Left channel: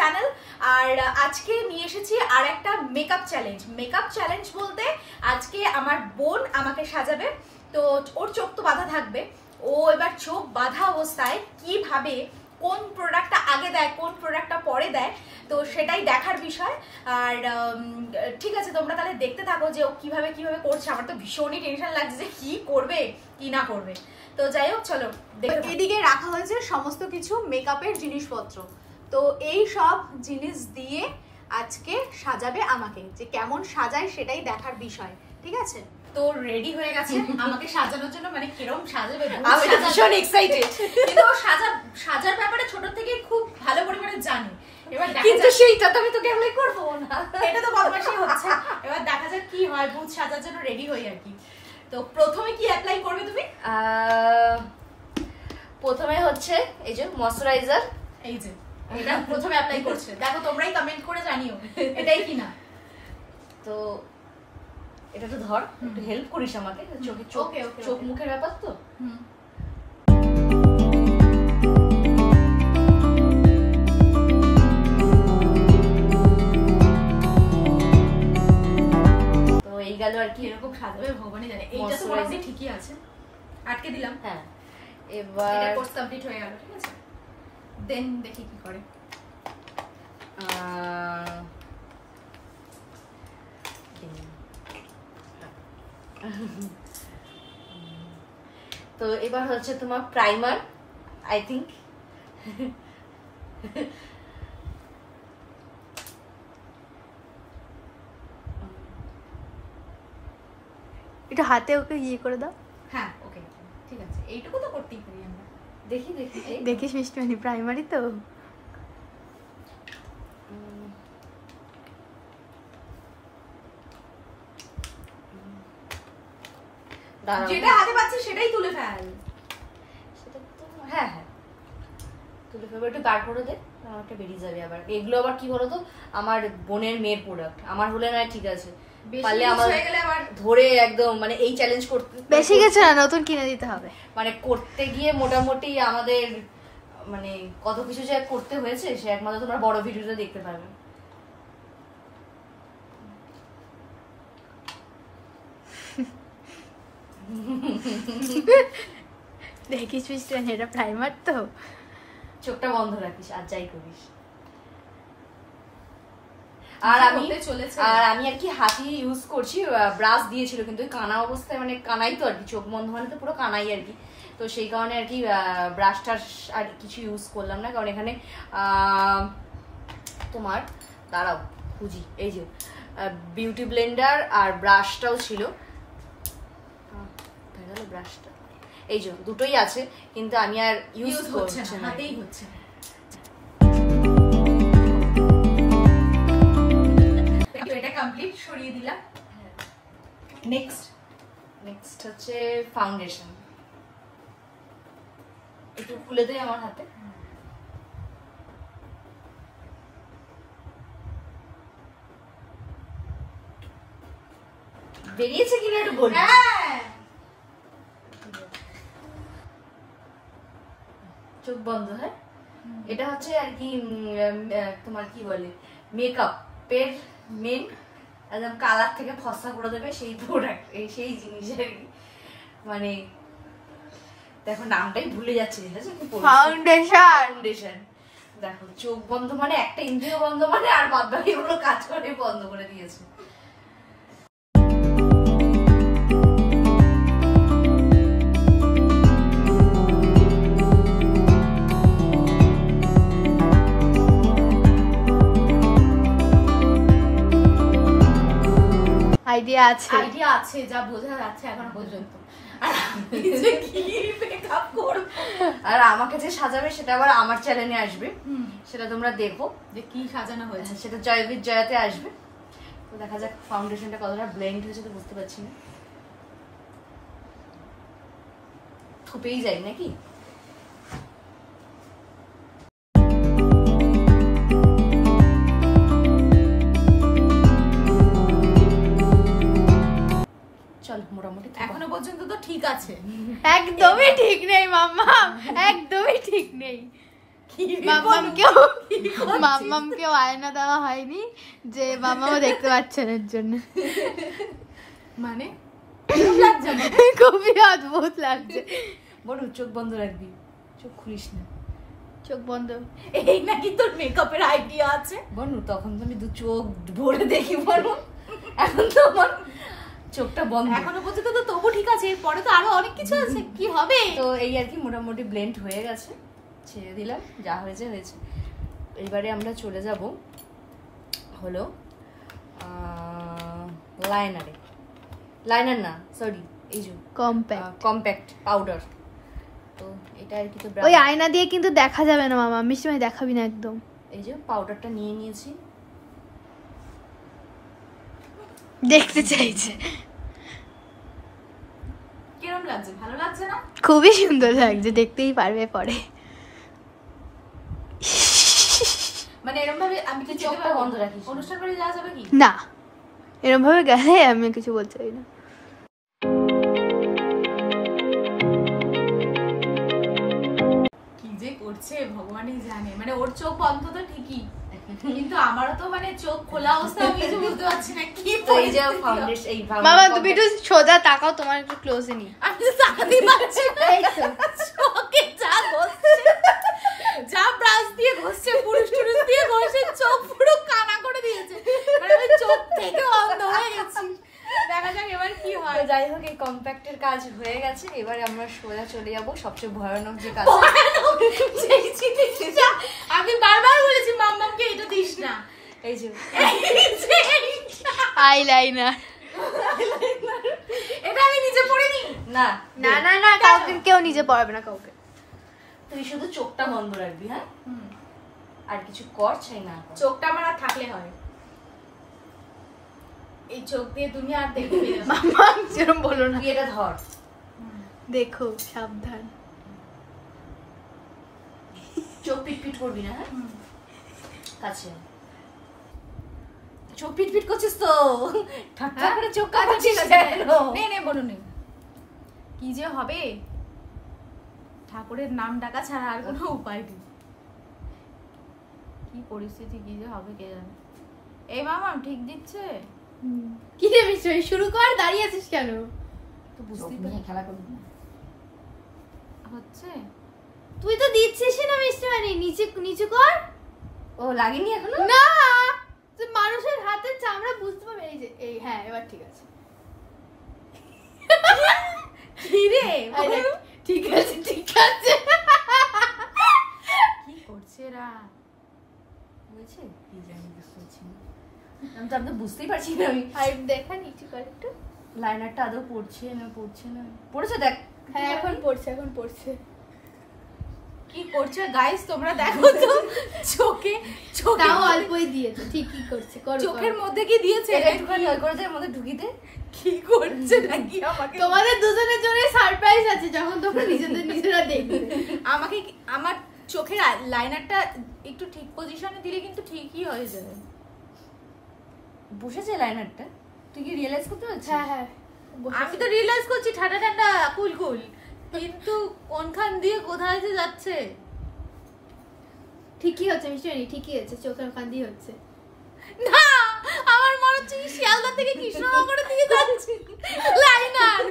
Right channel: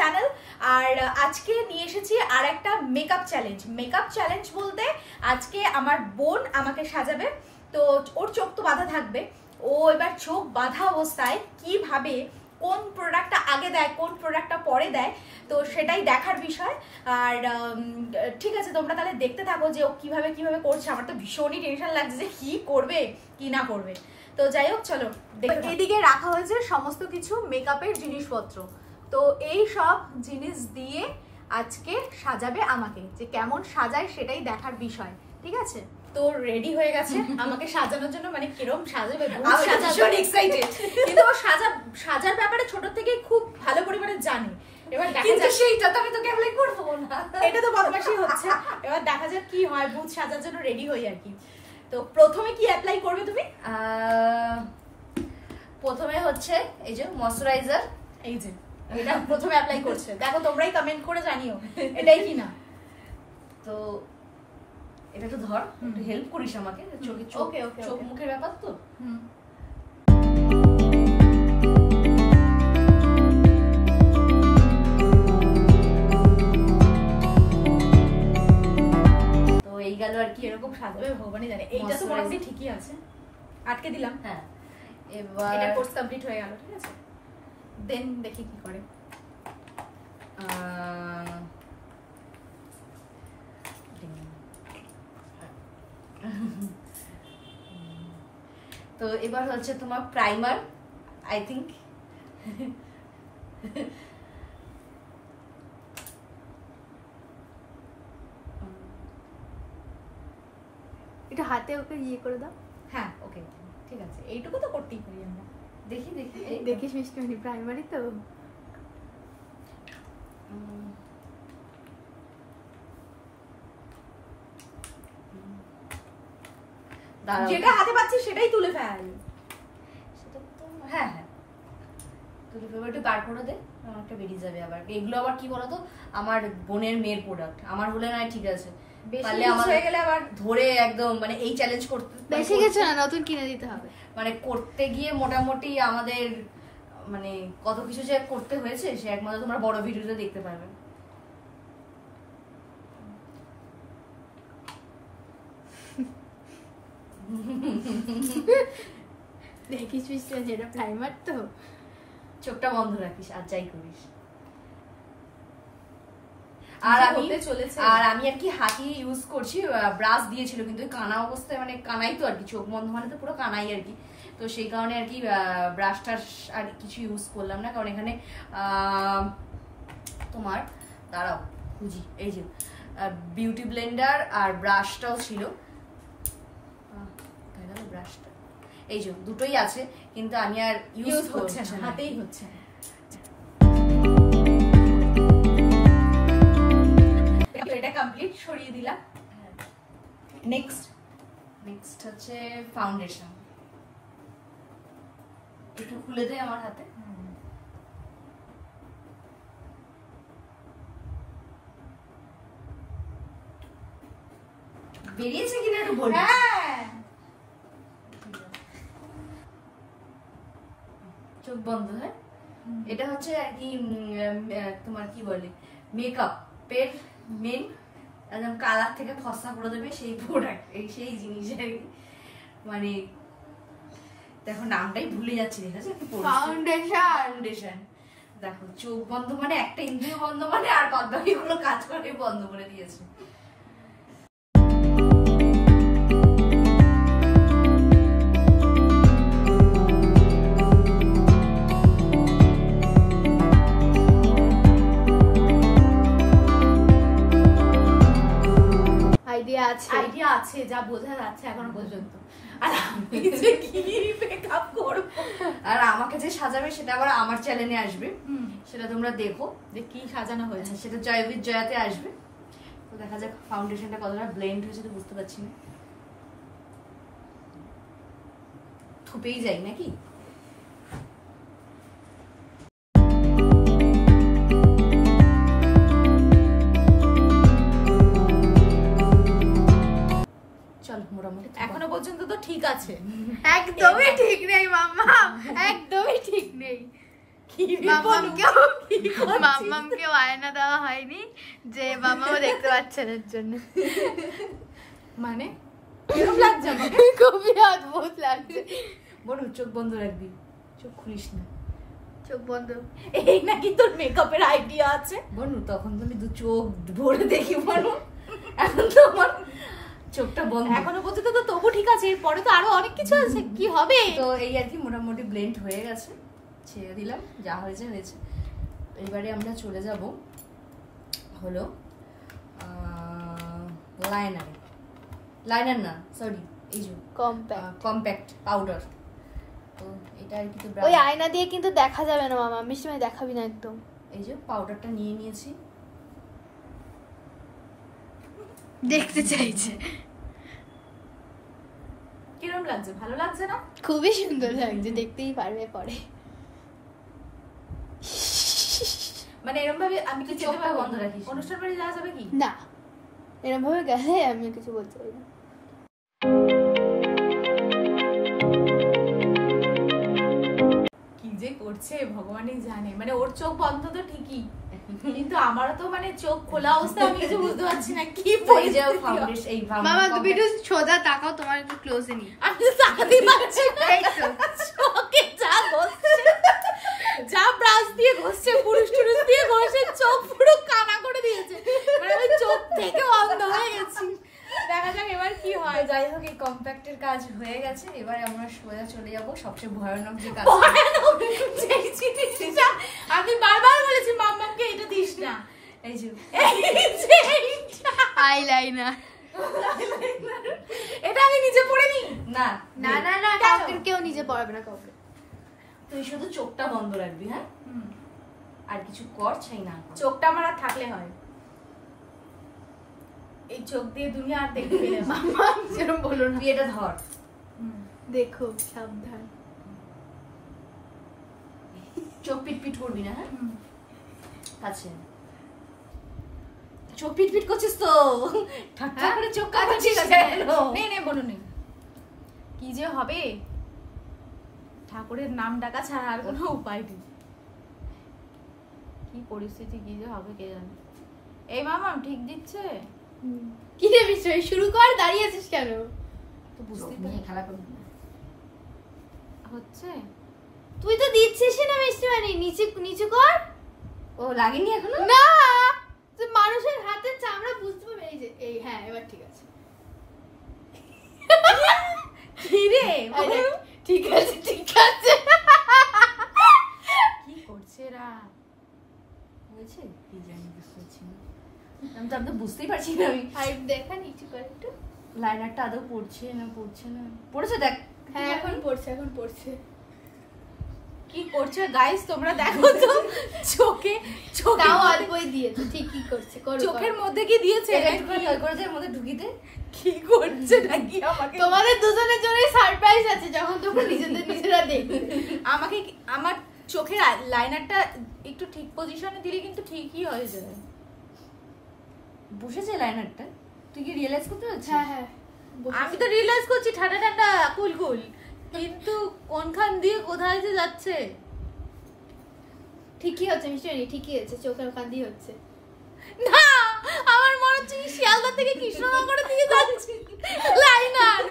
Channel. আর আজকে নিয়ে এসেছি আর একটা মেকআপ চ্যালেঞ্জ। মেকআপ চ্যালেঞ্জ বলতে আজকে আমার বোন আমাকে সাজাবে, তো ওর চোখ তো বাঁধা থাকবে, ও এবার চোখ বাঁধা অবস্থায় কিভাবে কোন প্রোডাক্টটা আগে দেয় কোন প্রোডাক্টটা পরে দেয়, তো সেটাই দেখার বিষয়। আর ঠিক আছে, তোমরা তাহলে দেখতে থাকো যে ও কিভাবে কিভাবে করছে। আমার তো ভীষণই টেনশন লাগছে যে কি করবে কি না করবে। তো যাই হোক, চলো। এদিকে রাখা হয়েছে সমস্ত কিছু মেকআপের জিনিসপত্র, তো এই সব জিনিস দিয়ে আজকে সাজাবে আমাকে। যে কেমন সাজায় সেটাই দেখার বিষয়, ঠিক আছে? তো রেডি হয়ে গেছে আমাকে সাজানোর জন্য, মানে কিরকম সাজাবে ভীষণ এক্সাইটেড। কিন্তু ও সাজার ব্যাপারে ছোট থেকে খুব ভালো পরিমাণে জানি। এবার দেখা যাক, সেইটা তো আমি তোকে অ্যাপ্লাই করবো না, এটা তো বদমাশি হচ্ছে। এবার দেখা যাক কি হয়, ভূত সাজার জন্য রেডি হই আর কি। তো প্রথমে কি অ্যাপ্লাই করবে তুমি? প্রথমে হচ্ছে এই যে ময়শ্চারাইজার, এই যে এটা প্রথমে অ্যাপ্লাই করছে। দেখো তোমরাই কমেন্ট করে জানিও এটাই কিনা। তো এটা তো ধর, একটু হেল্প করিস আমাকে, চোখে চোখ মুখের ব্যাপার তো। তো এই গেল আর কি, এরকম সাজাবে ভগবানই জানে। এইটা তো মোটামুটি ঠিকই আছে, আটকে দিলাম। হ্যাঁ, এবার এটা কোর্স কমপ্লিট হয়ে গেল, ঠিক আছে। দেন দেখি কি করে। তো এবার হচ্ছে তোমার প্রাইমার, আই থিঙ্ক। এটা হাতে ওকে ইয়ে করে দাও। হ্যাঁ ওকে, ঠিক আছে, এইটুকু তো করতেই পারি আমরা। দেখি দেখিস মিষ্টি প্রাইমারি তো। যেটা হাতে পাচ্ছি সেটাই তুলে ফেল। সেটা তো হ্যাঁ হ্যাঁ তুলে ফেলবো, একটু বার করে দে, আমারটা বেরিয়ে যাবে। আবার এগুলো আবার কি বলতো, আমার বোনের মেয়ের প্রোডাক্ট, আমার হলে না ঠিক আছে, পারলে আমার হয়ে গেলে আবার ধরে একদম মানে এই চ্যালেঞ্জ করতে বেশি কিছু না, নতুন কিনে দিতে হবে। মানে করতে গিয়ে মোটামুটি আমাদের মানে কত কিছু যে করতে হয়েছে সে একমাত্র তোমরা বড় ভিডিওতে দেখতে পারবে। দেখিস এটা প্রাইমার তো, চোখটা বন্ধ রাখিস আর যাই করিস। আর আমি আর কি হাতি ইউজ করছি, ব্রাশ দিয়েছিল কিন্তু কানা অবস্থায়, মানে কানাই তো আর কি, চোখ বন্ধ মানে তো পুরো কানাই আর কি। তো সেই কারণে আর কি ব্রাশটা আর কিছু ইউজ করলাম না, কারণ এখানে তোমার দাঁড়াও খুঁজি, এই যে বিউটি ব্লেন্ডার আর ব্রাশটাও ছিল, ব্রাশটা এই যে দুটোই আছে, কিন্তু আমি আর ইউজ করছি না, হাতেই হচ্ছে না। এটা কমপ্লিট, সরিয়ে দিলাম। নেক্সট হচ্ছে ফাউন্ডেশন, একটু খুলে দে আমার হাতে। বেরিয়েছে কিনা একটু বল। চোখ বন্ধ, হ্যাঁ। এটা হচ্ছে আর কি তোমার কি বলে মেকআপের মেন, একদম কালার থেকে ফসা করে দেবে সেই প্রোডাক্ট, সেই জিনিস আর কি। মানে দেখো নামটাই ভুলে যাচ্ছি, ফাউন্ডেশন। দেখো চোখ বন্ধ মানে একটা ইন্দ্রিয় বন্ধ মানে, আর বাদ বাকি এগুলো কাজ করে বন্ধ করে দিয়েছে। আইডিয়া আছে যা বোঝা যাচ্ছে এখনো পর্যন্ত। আর আমাকে যে সাজাবে সেটা আবার আমার চ্যানেলে আসবে, সেটা তোমরা দেখো যে কি সাজানো হয়েছে, সেটা জয়বীর জয়াতে আসবে। তো দেখা যাক ফাউন্ডেশনটা কতটা ব্লেন্ড হয়েছে, তো বুঝতে পারছি না, থুপেই যাই নাকি। মোটামুটি এখনো পর্যন্ত তো ঠিক আছে। একদমই ঠিক নেই মাম্মা, একদমই ঠিক নেই। মাম্মামকেও আয়না দেওয়া হয়নি যে মাম্মাও দেখতে পাচ্ছেন এর জন্য। মানে এরকম লাগছে আমাকে, খুবই অদ্ভুত লাগছে। বলু চোখ বন্ধ রাখবি, চোখ খুলিস না। চোখ বন্ধ। এই নাকি তোর মেকআপের আইডিয়া আছে? বনু তখন তো আমি দু চোখ ভরে দেখি বনু, এখন তো আমার চোখটা বন্ধ। এখনো পর্যন্ত তো তবু ঠিক আছে, এরপরে তো আরো অনেক কিছু আছে, কি হবে? তো এই আর কি মোটামুটি ব্লেন্ড হয়ে গেছে, ছেড়ে দিলাম, যা হয়েছে হয়েছে। এইবারে আমরা চলে যাব হলো লাইনারে, লাইনার না সরি, এই যে কম্প্যাক্ট পাউডার। তো এটা আর কি, তো ওই আয়না দিয়ে কিন্তু দেখা যাবে না মামা, মিষ্টি দেখাবি না একদম। এই যে পাউডারটা নিয়ে নিয়েছি, দেখতে চাইছে। কিরম লাগছে? ভালো লাগছে না? খুবই সুন্দর লাগছে, দেখতেই পারবে পরে। মানে এরকম ভাবে আমি কি যেতে চোখটা পারবো? বন্ধ রাখিস। অনুষ্ঠান বাড়ি যাওয়া যাবে কি? না, এরকম ভাবে গেলে আমি কিছু বলতে পারি না। কি যে করছে ভগবানই জানে। মানে ওর চোখ বন্ধ তো ঠিকই, কিন্তু আমারও তো মানে চোখ খোলা অবস্থায় আমি কিছু বুঝতে পারছি না কি পরিস্থিতি। বাবা তুমি একটু সোজা তাকাও, তোমার একটু ক্লোজে নি। আমি তো তাকাতেই পারছি না, চোখে যা ঘষছে, যা ব্রাশ দিয়ে ঘষছে, পুরুষ টুরুষ দিয়ে ঘষে, চোখ পুরো কানা করে দিয়েছে। মানে আমি চোখ থেকে অন্ধ হয়ে গেছি। দেখা যাক এবার কি হয়। যাই হোক, এই কম্প্যাক্টের কাজ হয়ে গেছে, এবার আমরা সোজা চলে যাব সবচেয়ে ভয়ানক যে কাজ। যেই জিনিসটা আমি বারবার বলেছি মাম্মামকে এটা দিস না, এই যে আইলাইনার। এটা আমি নিজে পড়ে নি। না না না না, কাউকে কেউ নিজে পড়াবে না কাউকে। তুই শুধু চোখটা বন্ধ রাখবি, হ্যাঁ? আর কিছু কর চাই না কর। চোখটা আমার আর থাকলে হয়, এই চোখ দিয়ে দুনিয়া আর দেখতে পেলে হয়। মাম্মা যেরকম বলো না। তুই এটা ধর, দেখো সাবধান, চোখ পিটপিট করবি না, হ্যাঁ? কাছে চোখ পিটপিট করছিস তো, ঠাট্টা করে চোখ কাটাচ্ছিস কেন? নে নে বলো নে, কি যে হবে, ঠাকুরের নাম ডাকা ছাড়া আর কোনো উপায় নেই। কি পরিস্থিতি, কি যে হবে কে জানে। এই মামাম ঠিক দিচ্ছে? কি রে মিষ্টি শুরু কর, দাঁড়িয়ে আছিস কেন? তো বুঝতেই পারি খেলা করবি না হচ্ছে। তুই তো দিচ্ছিস না মিষ্টি নিচে নিচে কর। ও লাগেনি এখনো? না, তুই মানুষের হাতের চামড়া বুঝতে পারবি। এই যে এই, হ্যাঁ এবার ঠিক আছে। কি রে ঠিক আছে ঠিক আছে। কি করছে রা? হয়েছে কি জানি, বুঝতে পারছি না। আমি তো বুঝতেই পারছি না। আমি আর দেখা নিচে কর একটু। লাইনারটা আদৌ পড়ছে না পড়ছে না, পড়েছে দেখ। হ্যাঁ এখন পড়ছে, এখন পড়ছে। কি করছে গাইস তোমরা দেখো তো, চোখে চোখে তাও অল্পই দিয়েছে, ঠিকই করছে। চোখের মধ্যে কি দিয়েছে? এটা একটুখানি ওই করে যায় মধ্যে ঢুকিতে। কি করছে নাকি আমাকে? তোমাদের দুজনের জন্য সারপ্রাইজ আছে, যখন তোমরা নিজেদের নিজেরা দেখবে। আমাকে আমার চোখের লাইনারটা একটু ঠিক পজিশনে দিলে কিন্তু ঠিকই হয়ে যাবে। বসেছে লাইনারটা, তুই কি রিয়েলাইজ করতে পারছিস? হ্যাঁ হ্যাঁ, আমি তো রিয়েলাইজ করছি ঠান্ডা ঠান্ডা কুল কুল, কিন্তু কোনখান দিয়ে কোথায় যে যাচ্ছে। ঠিকই হচ্ছে মিষ্টি, ঠিকই হচ্ছে, চোখের ওখান দিয়ে হচ্ছে। না, আমার মনে হচ্ছে শিয়ালদা থেকে কৃষ্ণনগরের দিকে যাচ্ছে লাইনার।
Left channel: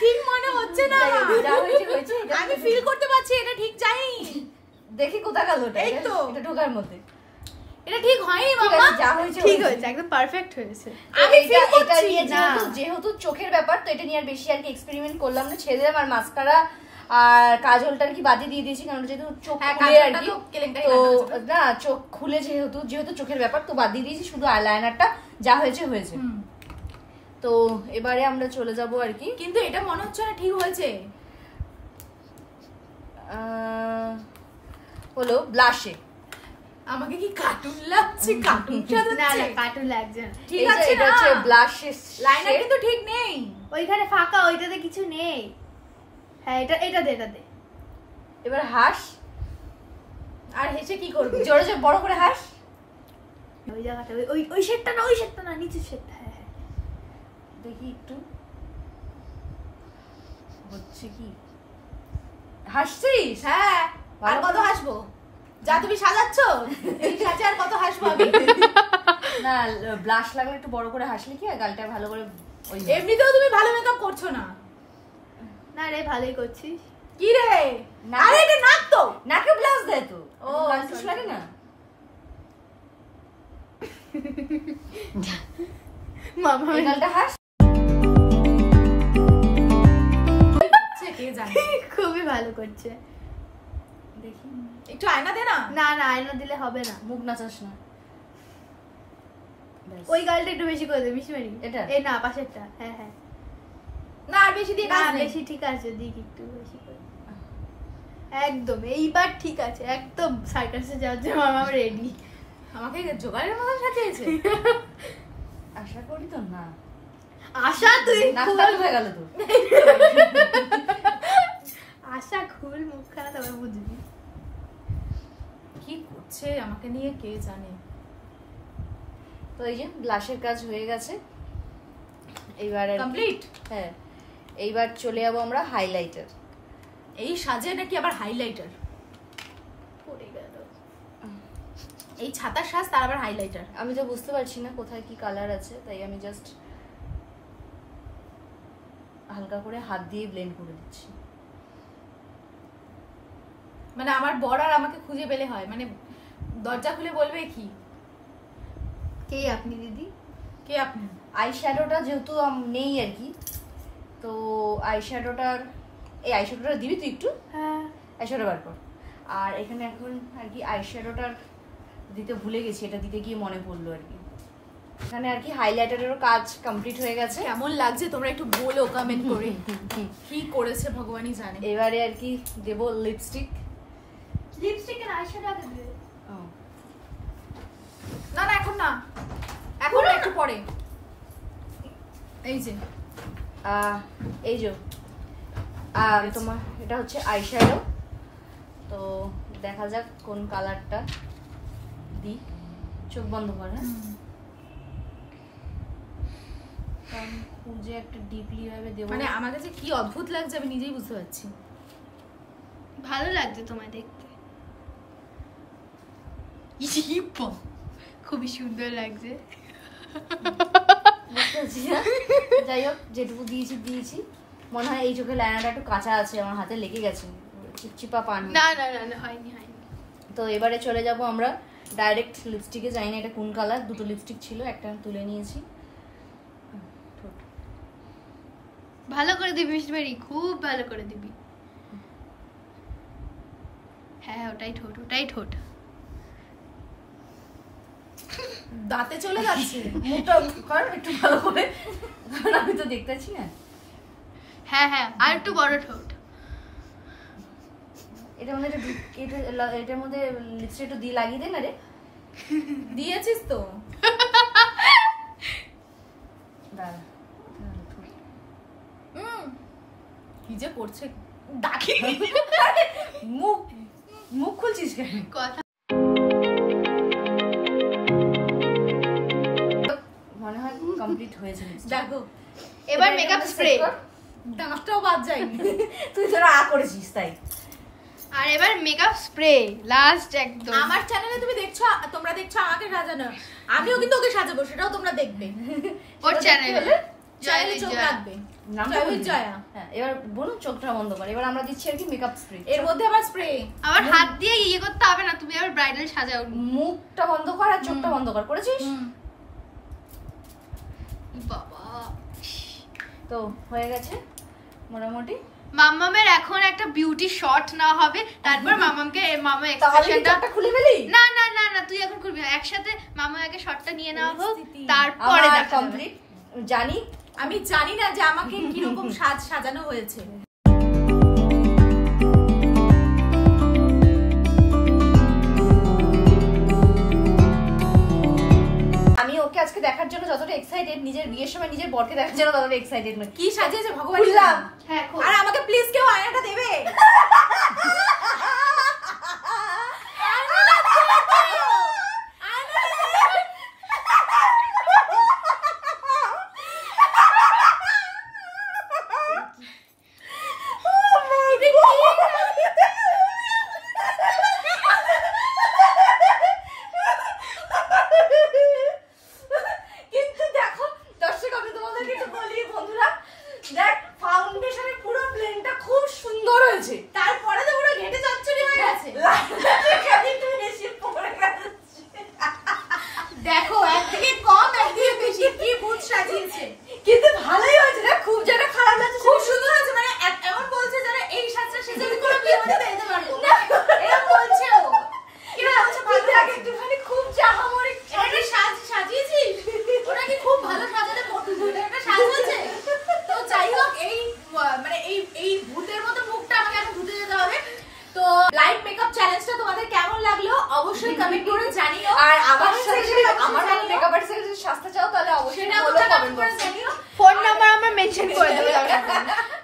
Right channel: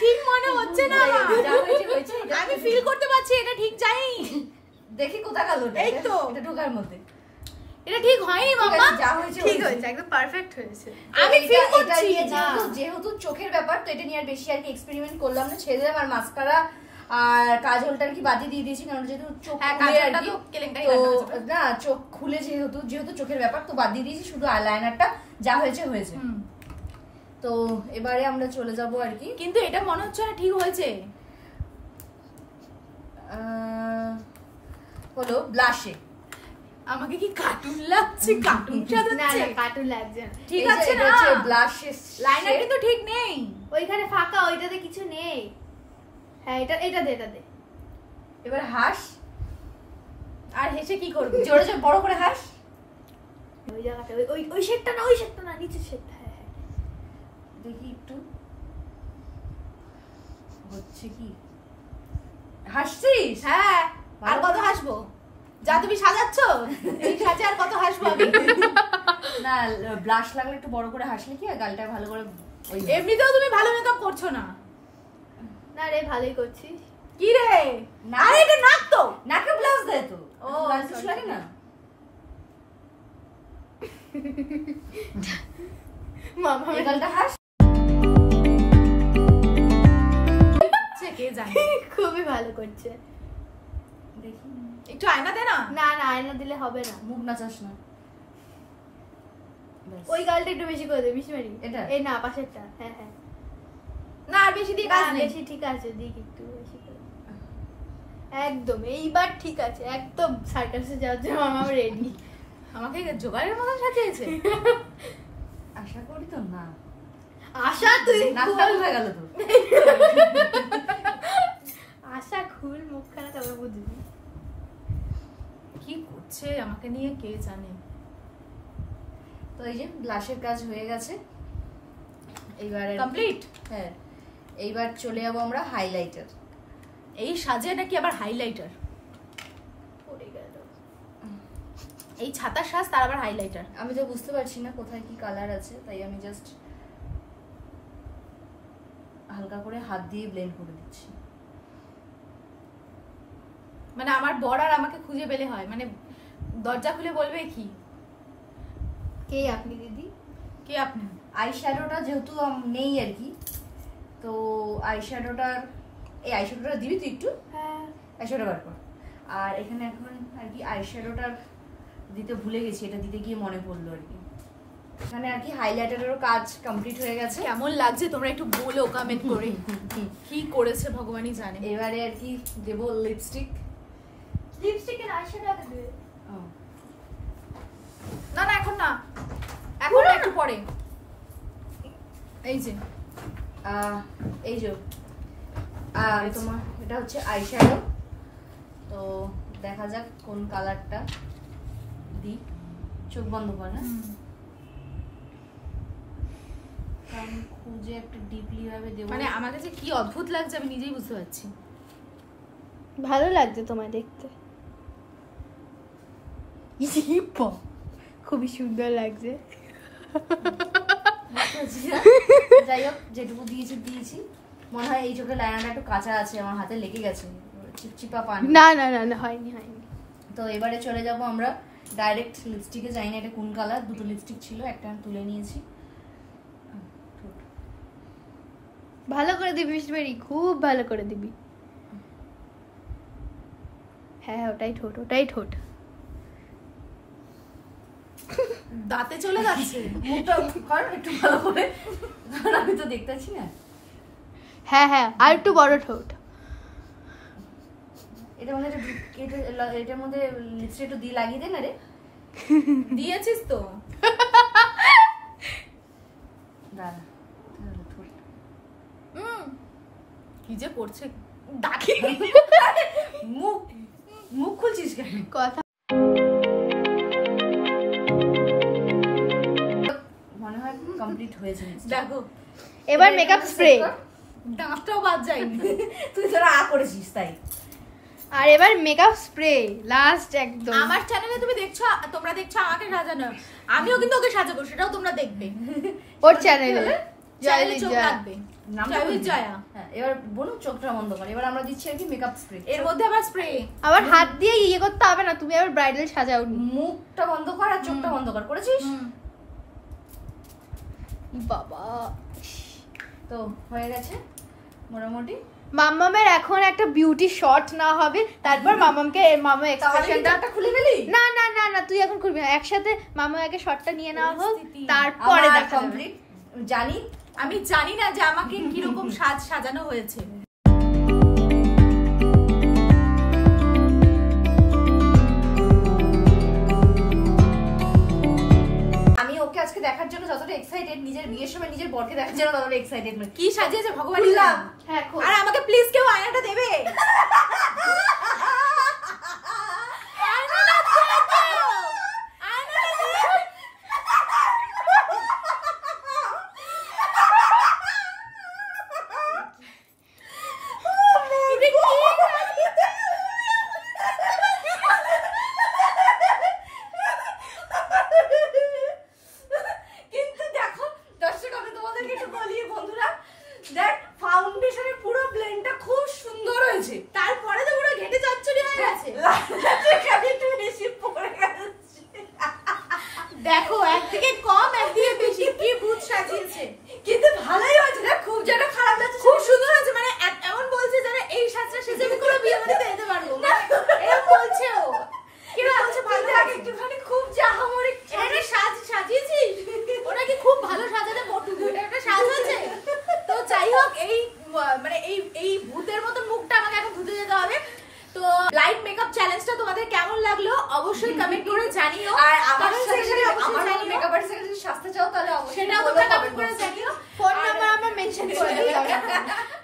ঠিক মনে হচ্ছে না আমার। যা হয়েছে হয়েছে, আমি ফিল করতে পারছি এটা ঠিক যাই। দেখি কোথা গেল। এই তো এটা ঢোকার মধ্যে। এটা ঠিক হয়নি মাম্মা। যা হয়েছে ঠিক হয়েছে, একদম পারফেক্ট হয়েছে। আমি ফিল করছি যেহেতু চোখের ব্যাপার, তো এটা নিয়ে আর বেশি আর কি এক্সপেরিমেন্ট করলাম না, ছেড়ে দিলাম। আর মাস্কারা আর কাজলটার কি বাদে দিয়ে দিয়েছি, কারণ যেহেতু চোখ খুলে আর কি, তো না চোখ খুলে যেহেতু চোখের ব্যাপার, তো বাদ দিয়ে দিয়েছি, শুধু আইলাইনারটা যা হয়েছে হয়েছে। তো এবারে আমরা চলে যাব আর কি। কিন্তু এটা মনে হচ্ছে না ঠিক হয়েছে। হলো ব্লাশে। আমাকে কি কার্টুন লাগছে? কার্টুন সাজাচ্ছে? কার্টুন লাগছে না, ঠিক আছে না? ব্লাশে লাইনার কিন্তু ঠিক নেই, ওইখানে ফাঁকা, ওইটাতে কিছু নেই। হ্যাঁ এটা এটা দে, এটা দে। এবার হাস, আর হেসে কি করবে? জোরে জোরে বড় করে হাস। ওই জায়গাটা, ওই ওই শেডটা না, ওই শেডটা না, নিচের শেডটা। হ্যাঁ হ্যাঁ, দেখি একটু হচ্ছে কি। হাসছিস? হ্যাঁ, আর কত হাসবো? যা তুমি সাজাচ্ছ এই সাজে আর কত হাসবো আমি। না ব্লাশ লাগলে একটু বড় করে হাসলে কি আর গালটা ভালো করে ওই এমনিতেও তুমি ভালো মেকআপ করছো না। না রে ভালোই করছিস। কি রে আরে এটা নাক তো, নাকে ব্লাশ দেয় তো। ও, ব্লাশ লাগে না। মামা এই গালটা হাস। কে জানে। খুবই ভালো করছে। দেখি একটু আয়না দে না। না না আয়না দিলে হবে না। মুখ নাচাস না। ওই গালটা একটু বেশি করে দে মিশমারি। এটা? এই না পাশেরটা। হ্যাঁ হ্যাঁ। না আর বেশি দিয়ে কাজ না, নেই। বেশি ঠিক আছে, দিক একটু বেশি করে। একদম এইবার ঠিক আছে, একদম সার্কাসে যাওয়ার জন্য মামা রেডি। আমাকে জোগাড়ের মতন সাজিয়েছে। আশা করি তো না। আশা তুই নাকটা খুলে গেল তো। আশা খুল মুখখানা তবে বুঝবি। কি করছে আমাকে নিয়ে কে জানে। তো এই যে ব্লাশের কাজ হয়ে গেছে, এইবার কমপ্লিট। হ্যাঁ, এইবার চলে যাবো আমরা হাইলাইটার। এই সাজে নাকি আবার হাইলাইটার। পড়ে গেল। এই ছাতার সাজ তার আবার হাইলাইটার। আমি তো বুঝতে পারছি না কোথায় কি কালার আছে, তাই আমি জাস্ট হালকা করে হাত দিয়ে ব্লেন্ড করে দিচ্ছি। মানে আমার বর আর আমাকে খুঁজে পেলে হয়, মানে দরজা খুলে বলবে কি কে আপনি দিদি? কে আপনি। আই শ্যাডোটা যেহেতু নেই আর কি, তো আই শ্যাডোটার এই আই শ্যাডোটা দিবি তুই একটু। হ্যাঁ আই শ্যাডো বার কর। আর এখানে এখন আর কি আই শ্যাডোটার দিতে ভুলে গেছি, এটা দিতে গিয়ে মনে পড়লো আর কি। এখানে আর কি হাইলাইটারেরও কাজ কমপ্লিট হয়ে গেছে। কেমন লাগছে তোমরা একটু বলো কমেন্ট করে। কি করেছে ভগবানই জানে। এবারে আর কি দেবো লিপস্টিক। লিপস্টিকের আশাটা দেবে। না না এখন না, এখন না, একটু পরে। এই যে এই যে তোমার এটা হচ্ছে আই শ্যাডো। তো দেখা যাক কোন কালারটা দিই। চোখ বন্ধ কর। হ্যাঁ, আমি খুঁজে একটা ডিপলি ভাবে দেবো। মানে আমার কাছে কি অদ্ভুত লাগছে আমি নিজেই বুঝতে পারছি। ভালো লাগছে তোমায় দেখতে। খুবই সুন্দর লাগছে। যাই হোক, যেটুকু দিয়েছি মনে হয় এই চোখে লাইনাটা একটু কাঁচা আছে, আমার হাতে লেগে গেছে, চিপচিপা পান। না না না না হয়নি হয়নি। তো এবারে চলে যাব আমরা ডাইরেক্ট লিপস্টিকে। জানি না এটা কোন কালার, দুটো লিপস্টিক ছিল, একটা আমি তুলে নিয়েছি। ভালো করে দিবি মিষ্টি, খুব ভালো করে দিবি। হ্যাঁ ওটাই ঠোঁট, ওটাই ঠোঁট। দাঁতে চলে যাচ্ছে। মুখটা কর একটু ভালো করে, কারণ আমি তো দেখতে পাচ্ছি না। হ্যাঁ হ্যাঁ আর একটু বড় ঠোঁট। এটার মধ্যে এটার মধ্যে লিপস্টিক একটু দিয়ে লাগিয়ে দে না রে। দিয়েছিস তো। দাঁড়া, কি যে করছে ডাকি। মুখ মুখ খুলছিস কেন? কথা মনে হয় কমপ্লিট হয়েছে। দেখো এবার মেকআপ স্প্রে। দাঁতটাও বাদ যায়নি। তুই তোরা করেছিস তাই। আর এবার মেকআপ স্প্রে লাস্ট একদম। আমার চ্যানেলে তুমি দেখছো, তোমরা দেখছো আমাকে সাজানো, আমিও কিন্তু ওকে সাজাবো, সেটাও তোমরা দেখবে। ওর চ্যানেলে চ্যানেলে চোখ রাখবে। জয়া। হ্যাঁ, এবার বলুন চোখটা বন্ধ করে। এবার আমরা দিচ্ছি আর কি মেকআপ স্প্রে। এর মধ্যে আবার স্প্রে। আবার হাত দিয়ে ইয়ে করতে হবে না, তুমি আবার ব্রাইডাল সাজাও। মুখটা বন্ধ কর আর চোখটা বন্ধ কর। করেছিস? বাবা তো হয়ে গেছে মোটামুটি। মাম্মামের এখন একটা বিউটি শট না হবে, তারপর মাম্মামকে মামা এক্সপ্রেশনটা খুলে ফেলি। না না না না তুই এখন খুলবি না, একসাথে মামা আগে শটটা নিয়ে নেওয়া হোক, তারপরে দেখা কমপ্লিট। জানি, আমি জানি না যে আমাকে কিরকম সাজানো হয়েছে। আমি ওকে আজকে দেখার জন্য যতটা এক্সাইটেড, নিজের বিয়ের সময় নিজের বরকে দেখার জন্য ততটা এক্সাইটেড নই। কি সাজিয়েছে ভগবান। হ্যাঁ আর আমাকে প্লিজ কেউ আয়নাটা দেবে। দেখো একদিকে কম একদিকে বেশি, কি ভূত সাজিয়েছে। কিন্তু ভালোই হয়েছে না, খুব যেন খারাপ লাগছে। খুব সুন্দর হয়েছে, মানে এমন বলছে যেন এই সাজটা সেজে আমি কোনো বিয়ে বাড়িতে যেতে পারবো, মানে এরকম বলছে ও। কি বলছে ভালো লাগে একটুখানি খুব জাহামরি এটা সাজিয়েছিস, ওটা কি খুব ভালো সাজাতে পটু, এটা একটা সাজ হয়েছে। তো যাই হোক, এই মানে এই ভূতের মতো মুখটা আমাকে এখন ধুতে যেতে হবে। তো লাইভ মেকআপ চ্যালেঞ্জটা তোমাদের কেমন লাগলো অবশ্যই কমেন্ট করে জানিও। আর আমার কমেন্ট সেকশনে আমার জানিও মেকআপ আর্টিস্টের যদি সাজতে চাও তাহলে অবশ্যই সেটা বলো, কমেন্ট comment করে box এ। জানিও। ফোন নাম্বার আমরা মেনশন করে দেব।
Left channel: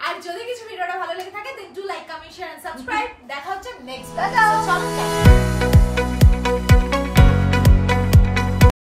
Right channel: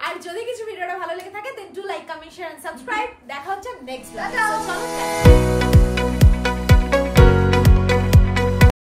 আর যদি কিছু ভিডিওটা ভালো লেগে থাকে then do like, comment, share and subscribe. দেখা হচ্ছে নেক্সট টাটা। ভিডিও। চলো